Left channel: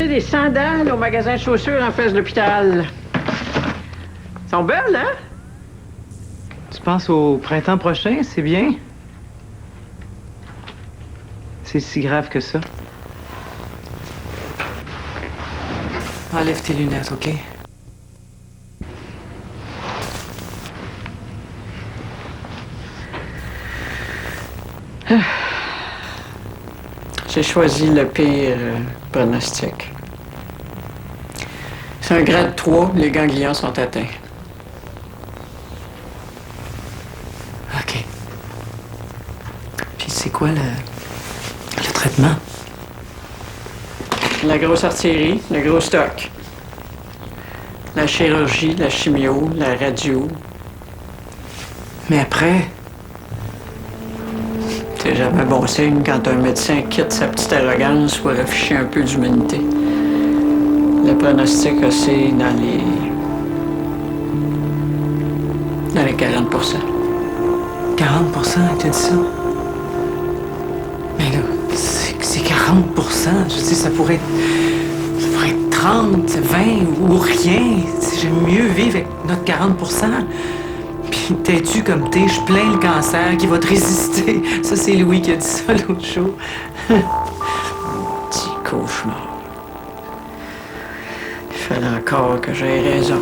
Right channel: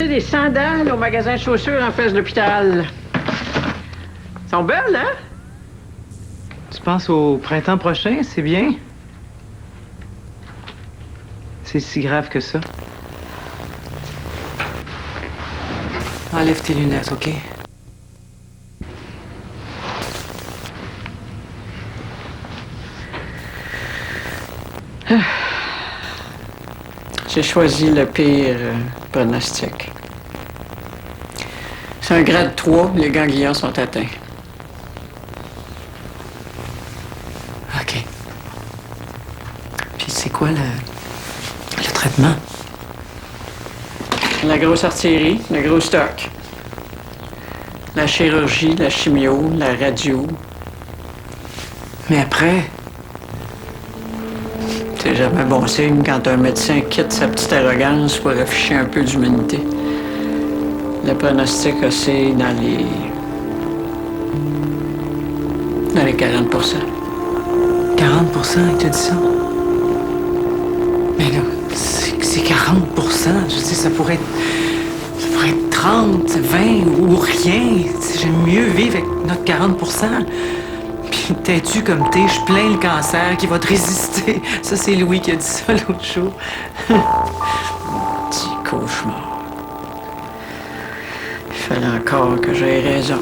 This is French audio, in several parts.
acheté des sandales au magasin de chaussures en face de l'hôpital. Elles sont belles, hein? Tu penses au printemps prochain, c'est bien? C'est si grave que ça. Enlève tes lunettes, OK? J'ai choisi le pire pronostic. C'est un grade 3, les ganglions sont atteints. OK. Puis c'est quoi le traitement? La grosse artillerie, le gros stock. La chirurgie, la chimio, la radio. Mais après, C'est jamais bon signe quand un médecin quitte sa petite arrogance pour afficher un peu d'humanité. Le pronostic, c'est dans les 40 40 il t'a dit ça? Mais là, c'est 40 je veux dire, ça pourrait être 30, 20 ou rien. J'aime mieux vivre avec notre 40 Puis t'es-tu comme t'es, je plains le cancer qui va te résister. Ça, c'est Louis qui a dit ça l'autre jour. Petit cauchemar. Il fallait encore que j'aie raison.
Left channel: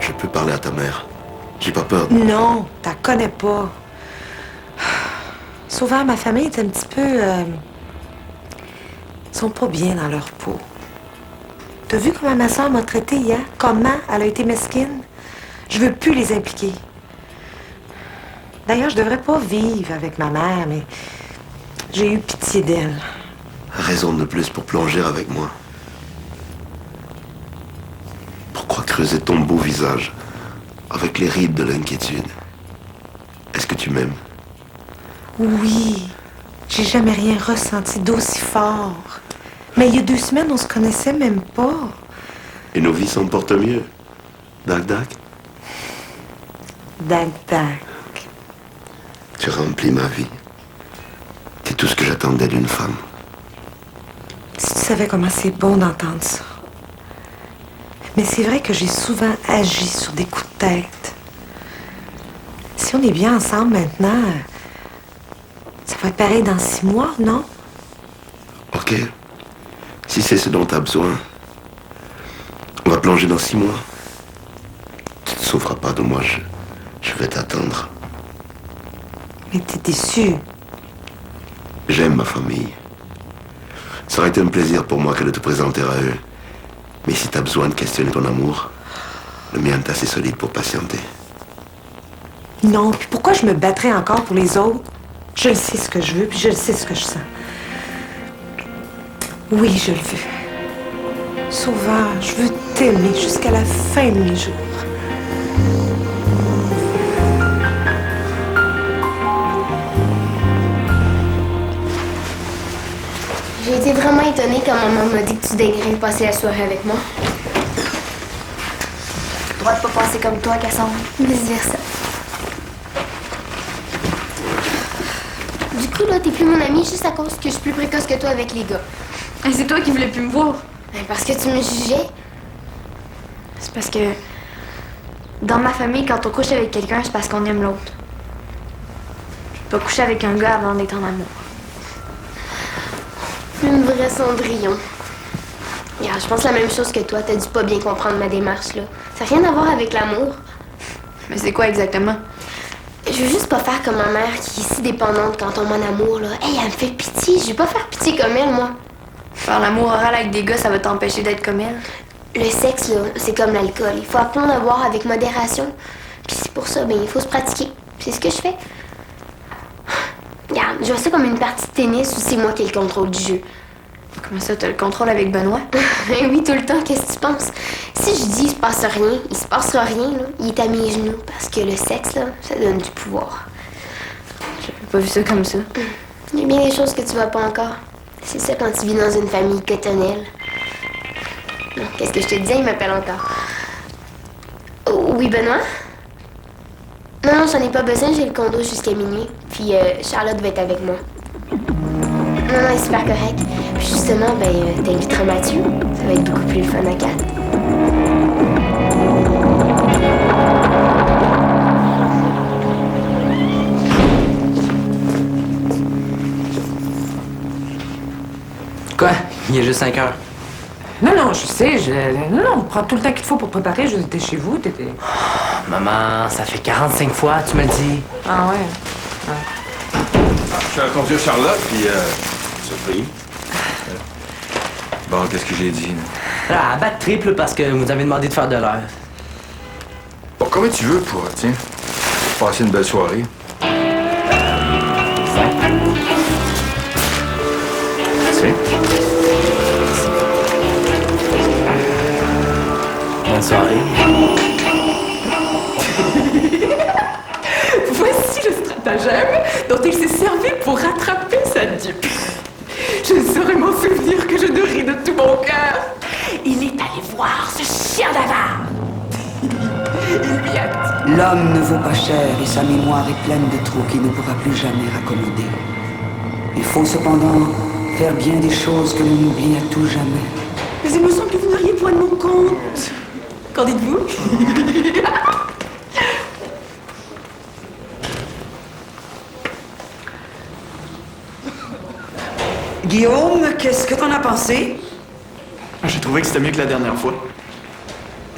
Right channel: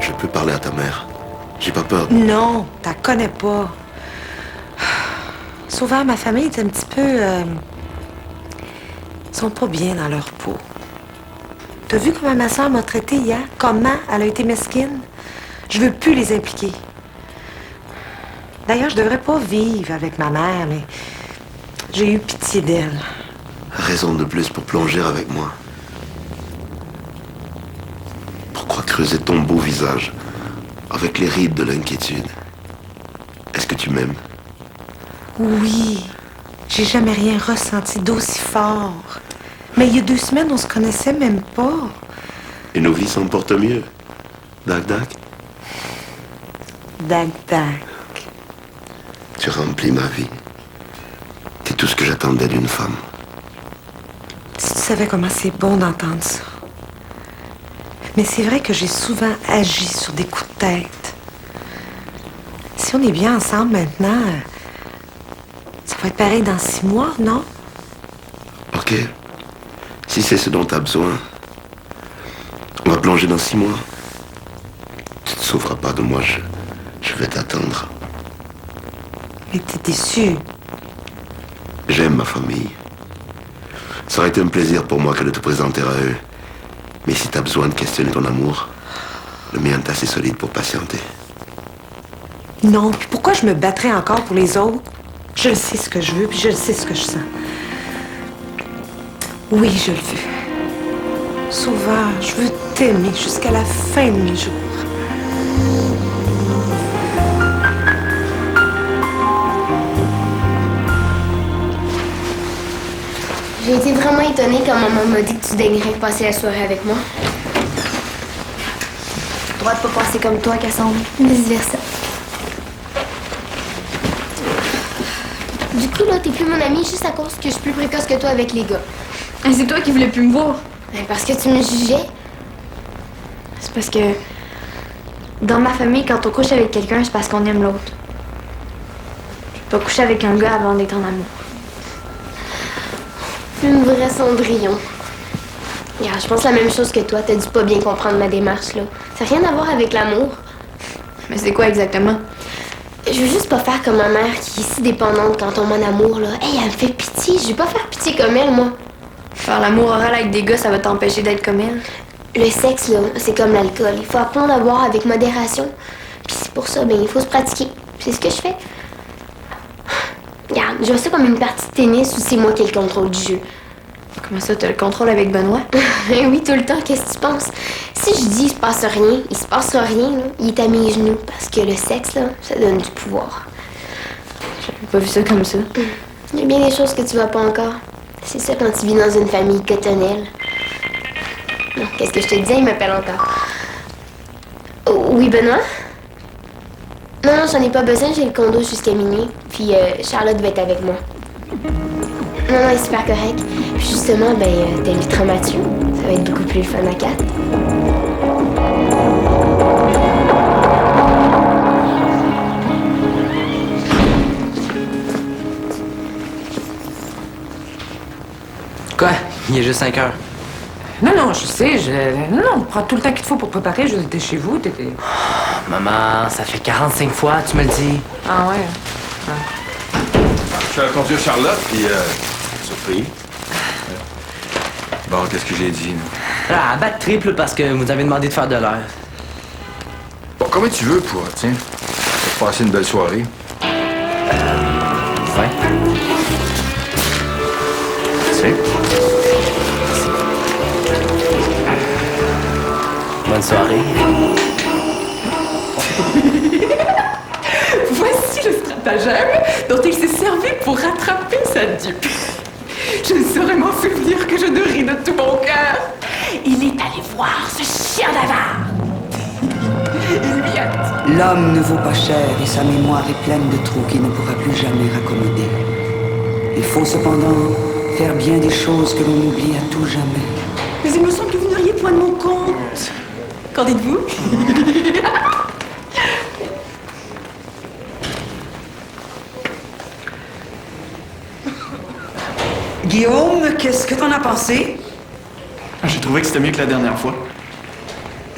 Je peux parler à ta mère. J'ai pas peur. Non, t'en connais pas. Souvent, ma famille est un petit peu... Ils sont pas bien dans leur peau. T'as vu comment ma soeur m'a traité hier? Comment elle a été mesquine? Je veux plus les impliquer. D'ailleurs, je devrais pas vivre avec ma mère, mais j'ai eu pitié d'elle. Raison de plus pour plonger avec moi. Pourquoi creuser ton beau visage avec les rides de l'inquiétude? Est-ce que tu m'aimes? Oui, j'ai jamais rien ressenti d'aussi fort. Mais il y a 2 semaines, on se connaissait même pas. Et nos vies s'en portent mieux. Dac, dac. Dac, dac. Tu remplis ma vie. C'est tout ce que j'attendais d'une femme. Si tu savais comment c'est bon d'entendre ça. Mais c'est vrai que j'ai souvent agi sur des coups de tête. Si on est bien ensemble maintenant, ça va être pareil dans 6 mois, non? Ok. Si c'est ce dont tu as besoin, on va plonger dans 6 mois. Tu te sauveras pas de moi, je vais t'attendre. Mais t'es déçu. J'aime ma famille. Ça aurait été un plaisir pour moi que de te présenter à eux. Mais si t'as besoin de questionner ton amour, le mien est assez solide pour patienter. Non, puis pourquoi je me battrais encore pour les autres? Je le sais ce que je veux, puis je le sais ce que je sens. Oui, je le veux. Sauveur, je veux t'aimer jusqu'à la fin de mes jours. J'ai été vraiment étonnée quand maman m'a dit que tu daignerais passer la soirée avec moi. Droit de pas penser comme toi, Cassandre. Vice-versa. Du coup, là, t'es plus mon amie juste à cause que je suis plus précoce que toi avec les gars. C'est toi qui voulais plus me voir. Ben, parce que tu me jugeais. C'est parce que dans ma famille, quand on couche avec quelqu'un, c'est parce qu'on aime l'autre. Tu peux pas coucher avec un gars avant d'être en amour. Une vraie Cendrillon. Regarde, je pense la même chose que toi. T'as dû pas bien comprendre ma démarche, là. Ça n'a rien à voir avec l'amour. Mais c'est quoi exactement? Je veux juste pas faire comme ma mère qui est si dépendante quand on tombe en amour, là. Hey, elle me fait pitié. Je veux pas faire pitié comme elle, moi. Faire l'amour oral avec des gars, ça va t'empêcher d'être comme elle. Le sexe, là, c'est comme l'alcool. Il faut apprendre à boire avec modération. Puis c'est pour ça, ben, il faut se pratiquer. C'est ce que je fais. Regarde, je vois ça comme une partie de tennis où c'est moi qui ai le contrôle du jeu. Comment ça, t'as le contrôle avec Benoît? Ben oui, tout le temps, qu'est-ce que tu penses? Si je dis il se passe rien, il se passera rien, là. Il est à mes genoux. Parce que le sexe, là, ça donne du pouvoir. J'avais pas vu ça comme ça. Il y a bien des choses que tu vois pas encore. C'est ça quand tu vis dans une famille cotonnelle. Non, qu'est-ce que je te disais? Il m'appelle encore. Oh, oui, Benoît? Non, j'en ai pas besoin, j'ai le condo jusqu'à minuit. Puis Charlotte va être avec moi. Non, il est super correct. Puis justement, t'inviteras Mathieu. Ça va être beaucoup plus le fun à 4. Quoi? Il est juste 5 heures. Non, je sais. Non, prends tout le temps qu'il te faut pour préparer. T'es chez vous, t'étais... Maman, ça fait 45 fois, tu me le dis. Ah ouais? Je suis allé conduire Charlotte, puis surpris. Bon, qu'est-ce que j'ai dit, là? Ah, battre triple parce que vous avez demandé de faire de l'heure. Bon, combien tu veux pour, tiens, pour passer une belle soirée? 20. Tiens. Bonne soirée. Voici le stratagème dont il s'est servi pour rattraper sa dupe. Je ne saurais m'en souvenir que je ne ris de tout mon cœur. Il est allé voir ce chien d'avare. Il lui a dit... L'homme ne vaut pas cher et sa mémoire est pleine de trous qu'il ne pourra plus jamais raccommoder. Il faut cependant faire bien des choses que l'on oublie à tout jamais. Mais il me semble que vous n'auriez point de mon compte. Qu'en dites-vous? Guillaume, qu'est-ce que t'en as pensé? J'ai trouvé que c'était mieux que la dernière fois.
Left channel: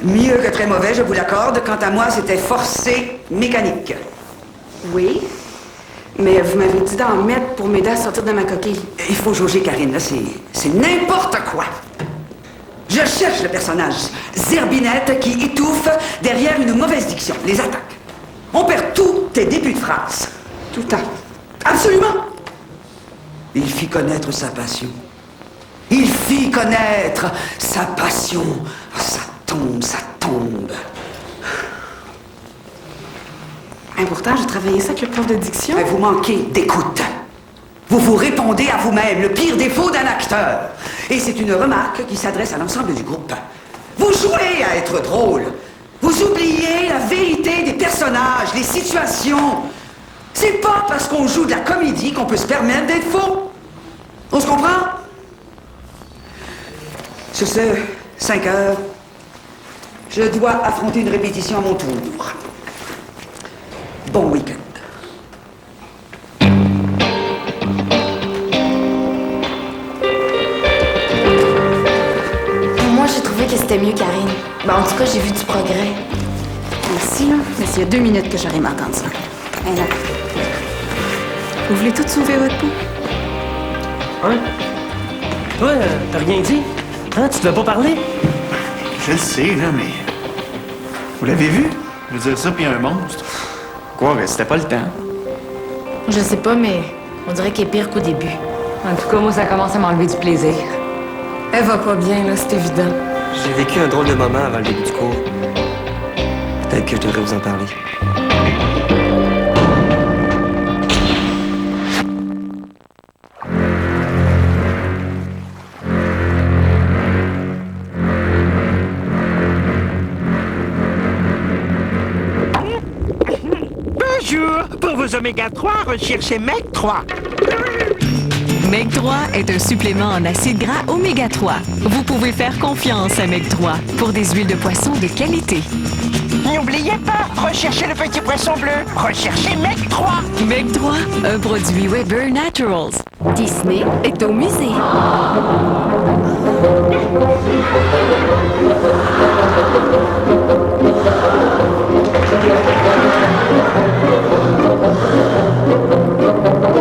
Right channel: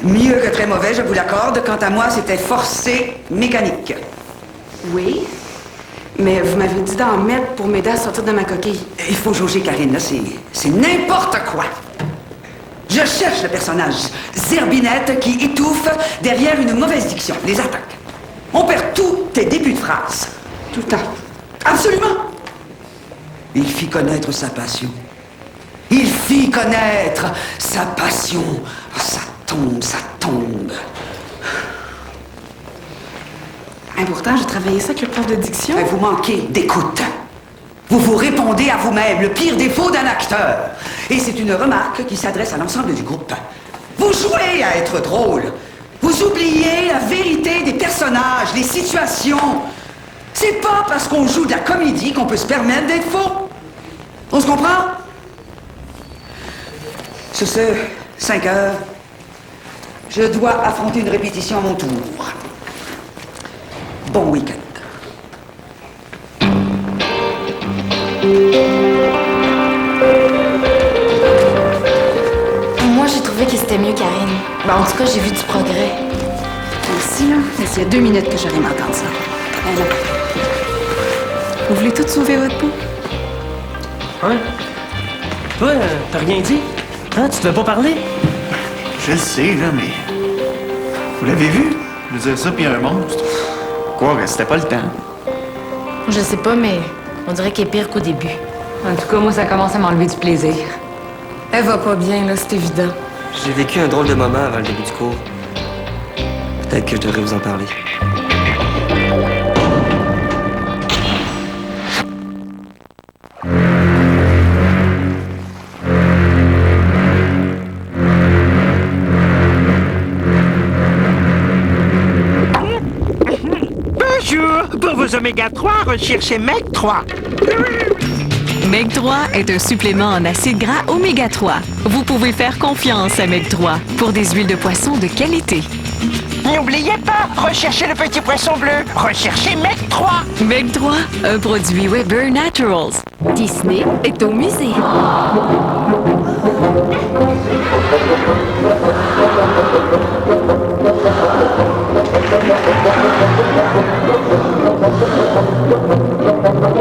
Mieux que très mauvais, je vous l'accorde. Quant à moi, c'était forcé mécanique. Oui, mais vous m'avez dit d'en mettre pour m'aider à sortir de ma coquille. Il faut jauger, Karine, là, c'est n'importe quoi. Je cherche le personnage Zerbinette qui étouffe derrière une mauvaise diction, les attaques. On perd tous tes débuts de phrase. Tout le temps. Absolument. Il fit connaître sa passion. Il fit connaître sa passion. Oh, ça tombe, ça tombe. Et pourtant, j'ai travaillé ça avec le prof de diction. Vous manquez d'écoute. Vous vous répondez à vous-même, le pire défaut d'un acteur. Et c'est une remarque qui s'adresse à l'ensemble du groupe. Vous jouez à être drôle. Vous oubliez la vérité des personnages, les situations. C'est pas parce qu'on joue de la comédie qu'on peut se permettre d'être faux. On se comprend? Sur ce, 5 heures, je dois affronter une répétition à mon tour. Bon week-end. Moi, j'ai trouvé que c'était mieux, Karine. En tout cas, j'ai vu du progrès. Merci, là. Mais s'il y a 2 minutes que j'aurais aimé entendre ça. Eh non. Vous voulez tout sauver votre peau? Hein? Toi, t'as rien dit? Hein? Tu te veux pas parler? Je le sais, là, mais... Vous l'avez vu? Je veux dire ça, puis un monstre. Quoi, que c'était pas le temps? Je sais pas, mais on dirait qu'elle est pire qu'au début. En tout cas, moi, ça commence à m'enlever du plaisir. Elle va pas bien, là, c'est évident. J'ai vécu un drôle de moment avant le début du cours. Peut-être que je devrais vous en parler. Bonjour! Pour vos oméga 3, recherchez MEG 3. MEG 3 est un supplément en acides gras oméga 3. Vous pouvez faire confiance à MEG 3 pour des huiles de poisson de qualité. N'oubliez pas, recherchez le petit poisson bleu. Recherchez MEG 3. MEG 3, un produit Weber Naturals. Disney est au musée.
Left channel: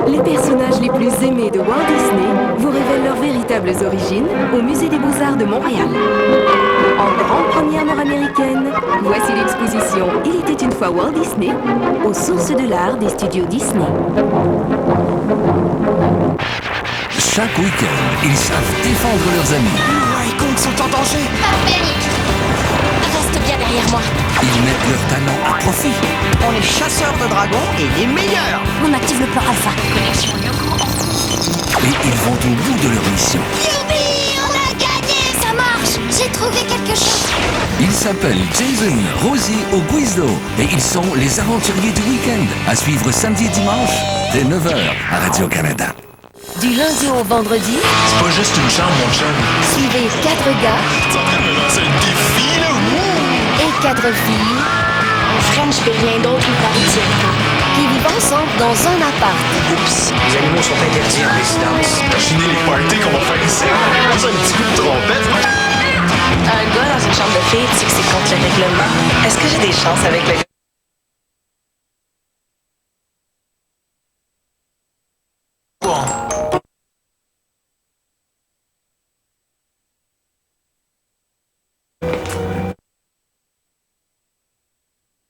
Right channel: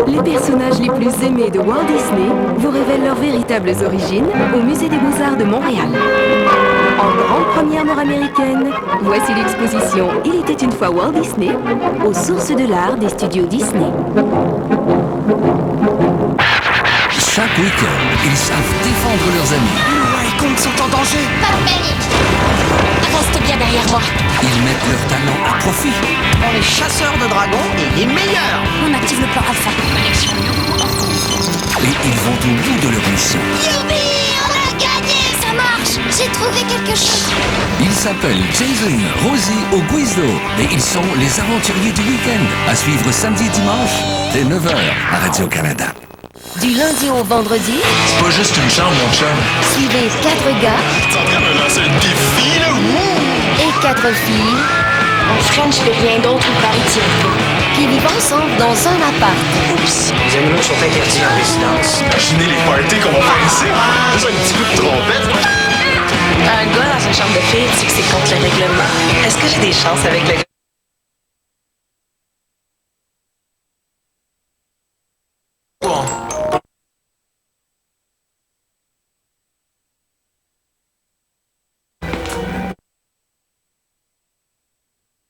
Les personnages les plus aimés de Walt Disney vous révèlent leurs véritables origines au Musée des Beaux-Arts de Montréal. En grande première nord-américaine, voici l'exposition « Il était une fois Walt Disney » aux sources de l'art des studios Disney. Chaque week-end, ils savent défendre leurs amis. Noah et Kong sont en danger. Pas de panique. Reste bien derrière moi. Ils mettent leur talent à profit. On est chasseurs de dragons et les meilleurs. On active le plan Alpha. Connexion Lyoko en cours. Et ils vont au bout de leur mission. Youpi, on a gagné. Ça marche. J'ai trouvé quelque chose. Ils s'appellent Jason, Rosie ou Guizdo. Et ils sont les aventuriers du week-end. À suivre samedi et dimanche dès 9h à Radio-Canada. Du lundi au vendredi, C'est pas juste une chambre, mon chum. suivez 4 gars T'es en train de me lancer un défi, là? et 4 filles Un French puis rien d'autre, le pari tient pas. qui vivent ensemble dans un appart. Oups, les animaux sont interdits en résidence. Imaginez les parties qu'on va faire ici. Juste un petit coup de trompette. Un gars dans une chambre de filles, tu sais que c'est contre le règlement. Est-ce que j'ai des chances avec le gars?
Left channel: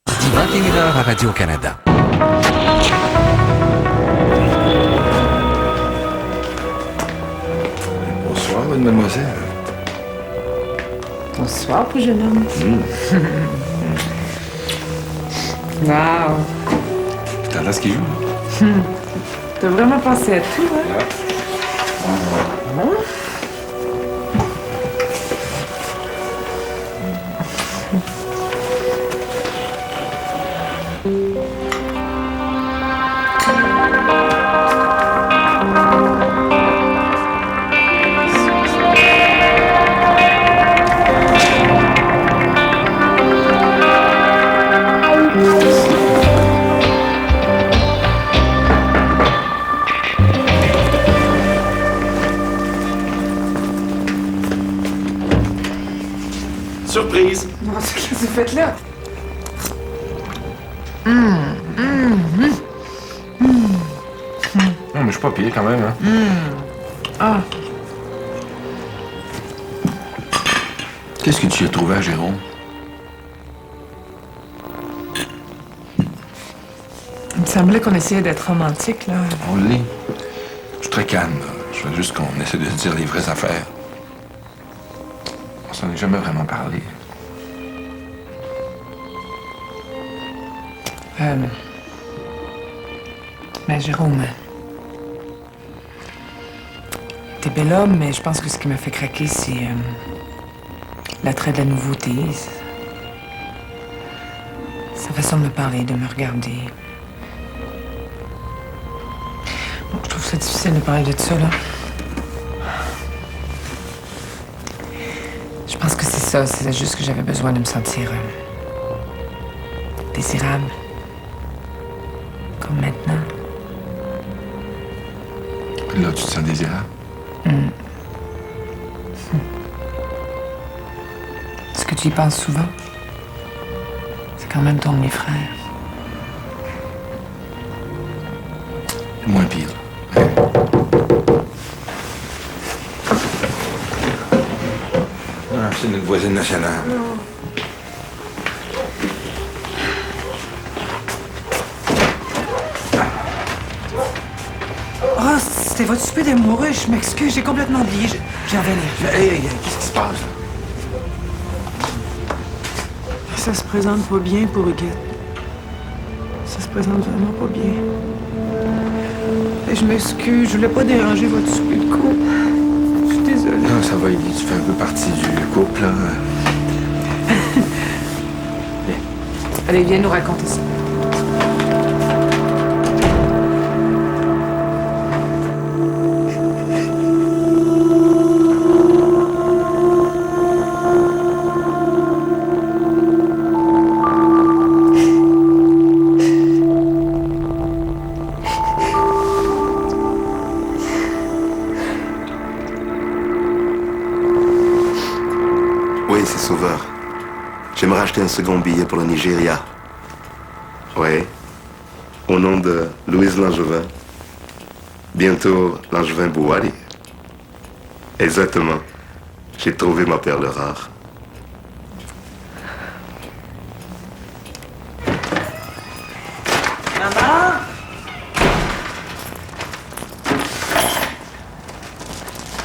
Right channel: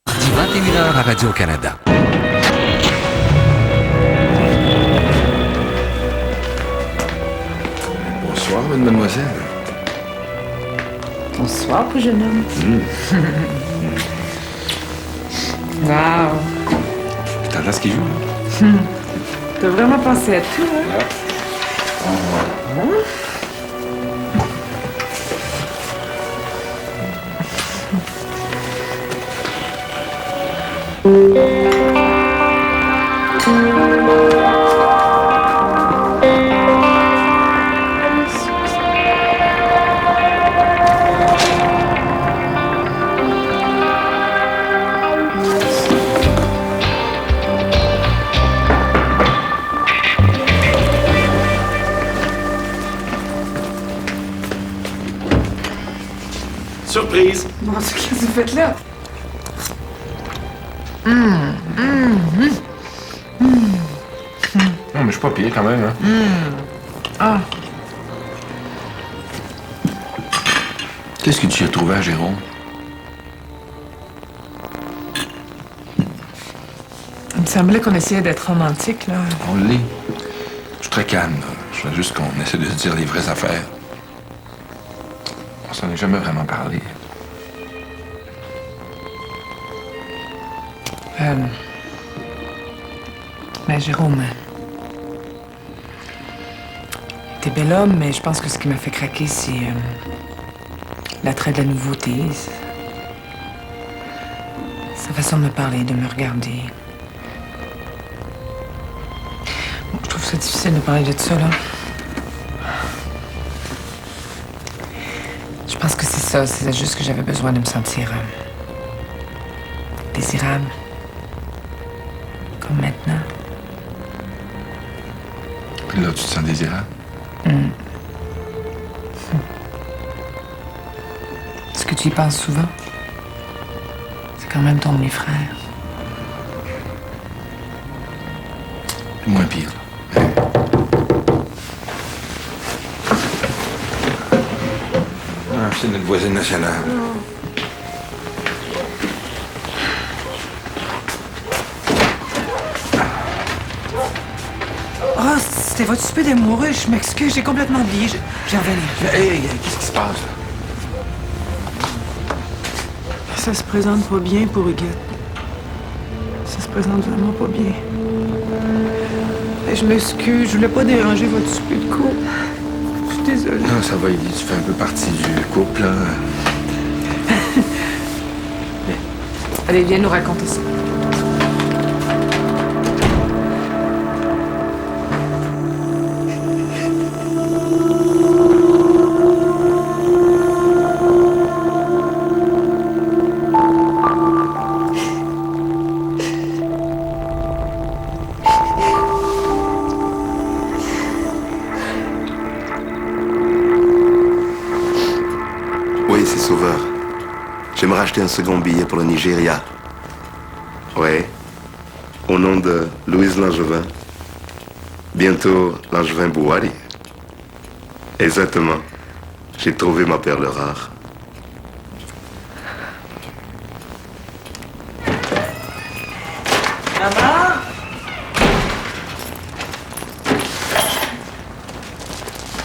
Mardi 21h à Radio-Canada. Bonsoir, mademoiselle. Bonsoir, pour jeune homme. Wow. T'entends ce qu'il joue, là? T'as vraiment pensé à tout, hein? Surprise! Bon, qu'est-ce que vous faites là? Non, mais je suis pas pire quand même, hein. Ah, Qu'est-ce que tu as trouvé à Jérôme? il me semblait qu'on essayait d'être romantique, là. On l'est. Je suis très calme, là. Je veux juste qu'on essaie de se dire les vraies affaires. On s'en est jamais vraiment parlé. Ben, Jérôme, t'es bel homme, mais je pense que ce qui m'a fait craquer, c'est l'attrait de la nouveauté. Sa façon de me parler, de me regarder. Bon, je trouve ça difficile de parler de ça, là. Je pense que c'est ça. C'est juste que j'avais besoin de me sentir désirable. Comme maintenant. Puis là, tu te sens désirable? Est-ce que tu y penses souvent? C'est quand même ton demi-frère. Moins pire, là. Hein? Ah, c'est notre voisine nationale. Oh, c'était votre souper d'amoureux. Je m'excuse, j'ai complètement oublié. Je vais revenir. Hey, qu'est-ce qui se passe, là? Ça se présente pas bien pour Huguette. Ça se présente vraiment pas bien. Et je m'excuse, je voulais pas déranger votre souper de couple. Je suis désolée. Non, ça va, Élie. Tu fais un peu partie du couple, là. Allez, viens nous raconter ça. Oui, c'est Sauveur. J'aimerais acheter un second billet pour le Nigeria. Oui. Au nom de Louise Langevin. Bientôt Langevin Bouhari. Exactement. J'ai trouvé ma perle rare. Maman?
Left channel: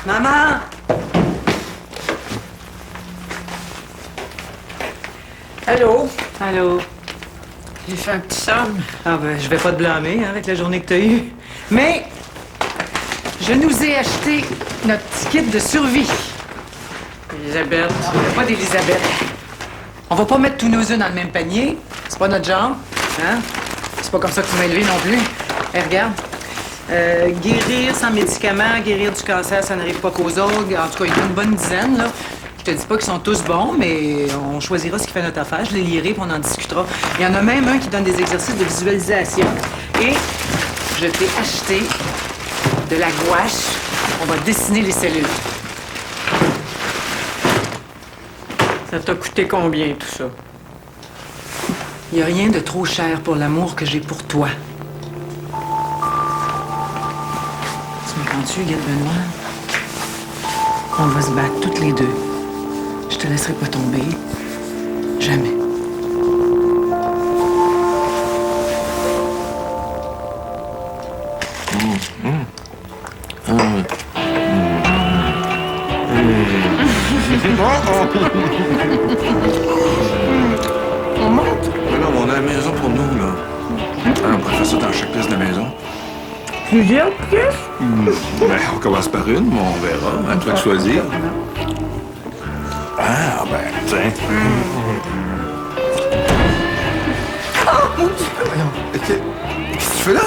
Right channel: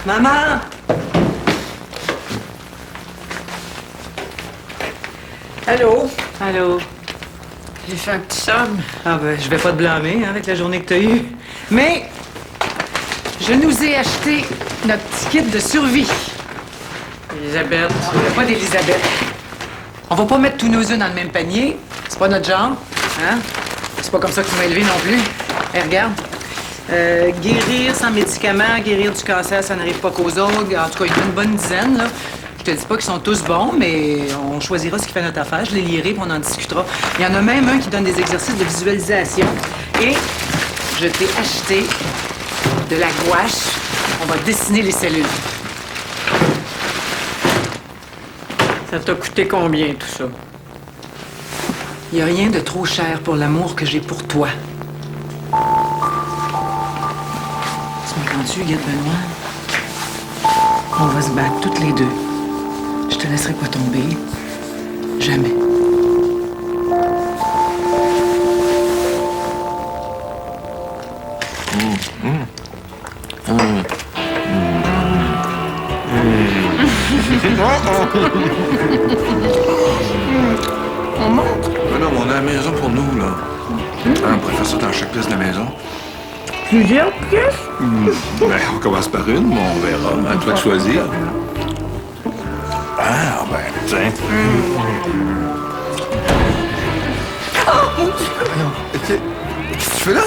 Maman? Allô? Allô? J'ai fait un petit somme. Ah ben, je vais pas te blâmer hein, avec la journée que t'as eue. Mais, je nous ai acheté notre petit kit de survie. Elisabeth. Pas d'Elisabeth. On va pas mettre tous nos œufs dans le même panier. C'est pas notre genre. Hein? C'est pas comme ça que tu m'as élevé non plus. Hey, regarde. Guérir sans médicaments, guérir du cancer, ça n'arrive pas qu'aux autres. En tout cas, il y en a une bonne dizaine, là. Je te dis pas qu'ils sont tous bons, mais on choisira ce qui fait notre affaire. Je les lirai, puis on en discutera. Il y en a même un qui donne des exercices de visualisation. Et je t'ai acheté de la gouache. On va dessiner les cellules. Ça t'a coûté combien, tout ça? Il n'y a rien de trop cher pour l'amour que j'ai pour toi. Tu m'entends-tu, Guette Benoît? On va se battre toutes les deux. Je te laisserai pas tomber. Jamais. On monte? Mais non, mais on a la maison pour nous, là. Ah, on pourrait faire ça dans chaque pièce de la maison. Plusieurs pièces? Ben, on commence par une, mais on verra. À toi de choisir. Ah, ben, tiens. Oh, mon Dieu! Voyons, qu'est-ce que tu fais là?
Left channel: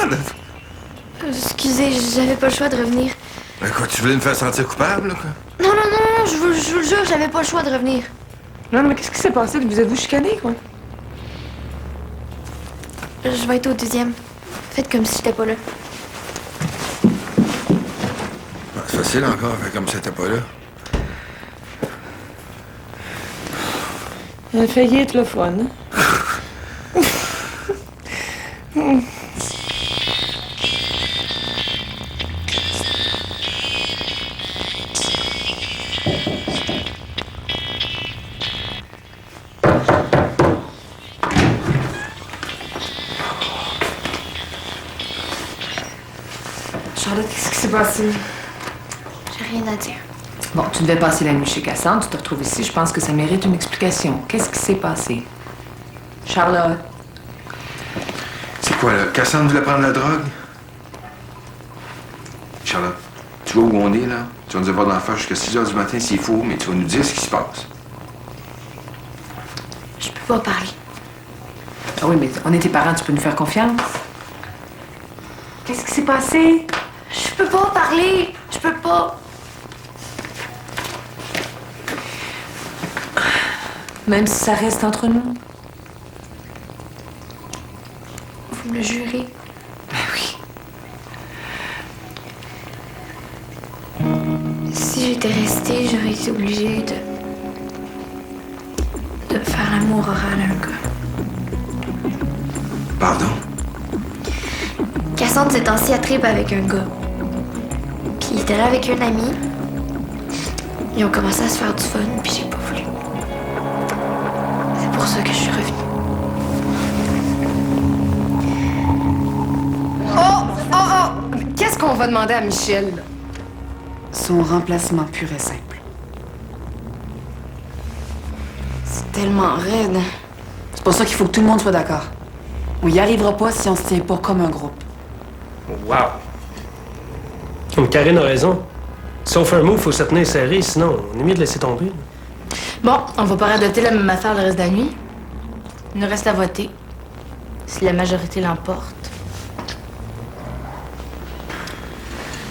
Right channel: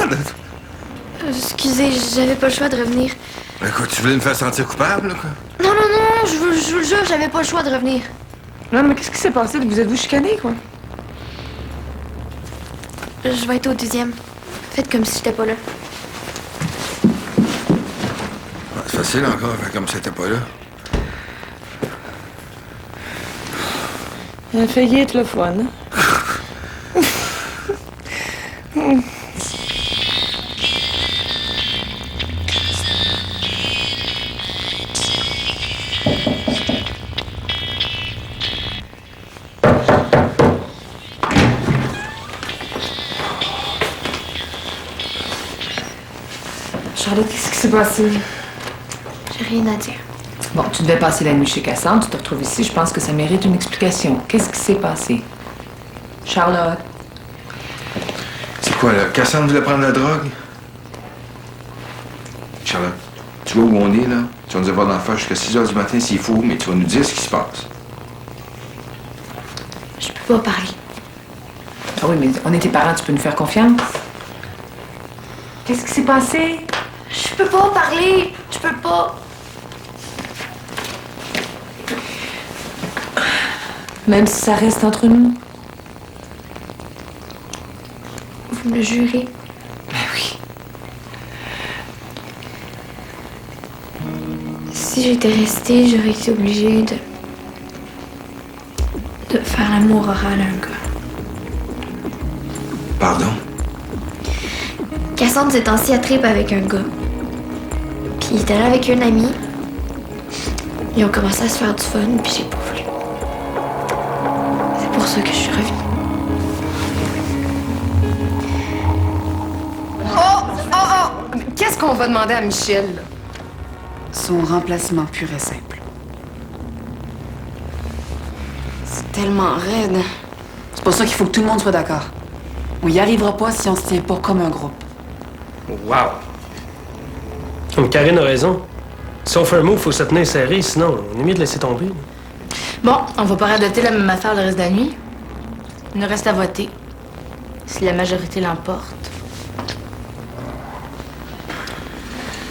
Excusez, j'avais pas le choix de revenir. Ben, quoi, tu voulais me faire sentir coupable, là, quoi? Non, non, non, je vous le jure, j'avais pas le choix de revenir. Non, mais qu'est-ce qui s'est passé? Vous êtes-vous chicané, quoi? Je vais être au 2e. Faites comme si j'étais pas là. Ben, c'est facile encore, faire comme si t'étais pas là. Elle a failli être le fun, hein? Charlotte, qu'est-ce qui s'est passé? J'ai rien à dire. Bon, tu devais passer la nuit chez Cassandre, tu te retrouves ici, je pense que ça mérite une explication. Qu'est-ce qui s'est passé? Charlotte? C'est quoi, là? Cassandre voulait prendre la drogue? Charlotte, tu vois où on est, là? Tu vas nous avoir dans la face jusqu'à 6 h du matin s'il faut, mais tu vas nous dire ce qui se passe. Je peux pas parler. Ah oui, mais on est tes parents, tu peux nous faire confiance? Qu'est-ce qui s'est passé? Je peux pas parler. Je peux pas. Même si ça reste entre nous? Vous me le jurez? Ben oui. Si j'étais restée, j'aurais été obligée de faire l'amour oral à un gars. Pardon? Cassandre s'est assis à trip avec un gars. Puis il était là avec une amie. Ils ont commencé à se faire du fun, puis j'ai pas voulu. C'est pour ça que je suis revenue. Oh! Qu'est-ce qu'on va demander à Michel, là? Son remplacement pur et simple. C'est tellement raide. C'est pour ça qu'il faut que tout le monde soit d'accord. On y arrivera pas si on se tient pas comme un groupe. Wow! Comme Karine a raison. Si on fait un move, faut se tenir serré, sinon on est mieux de laisser tomber. Bon, on va pas radoter la même affaire le reste de la nuit. Il nous reste à voter. Si la majorité l'emporte.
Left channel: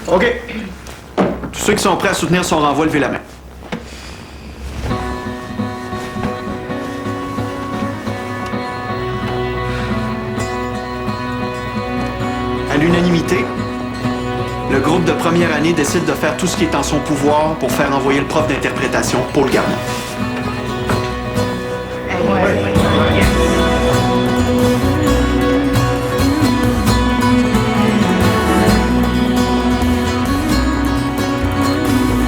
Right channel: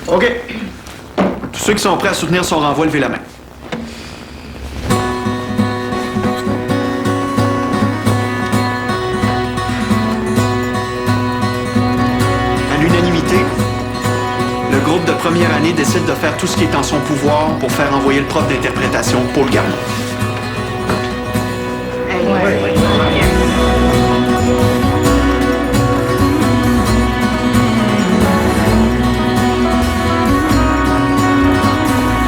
OK. Tous ceux qui sont prêts à soutenir son renvoi, levez la main. À l'unanimité, le groupe de première année décide de faire tout ce qui est en son pouvoir pour faire envoyer le prof d'interprétation, Paul Garneau. Ouais.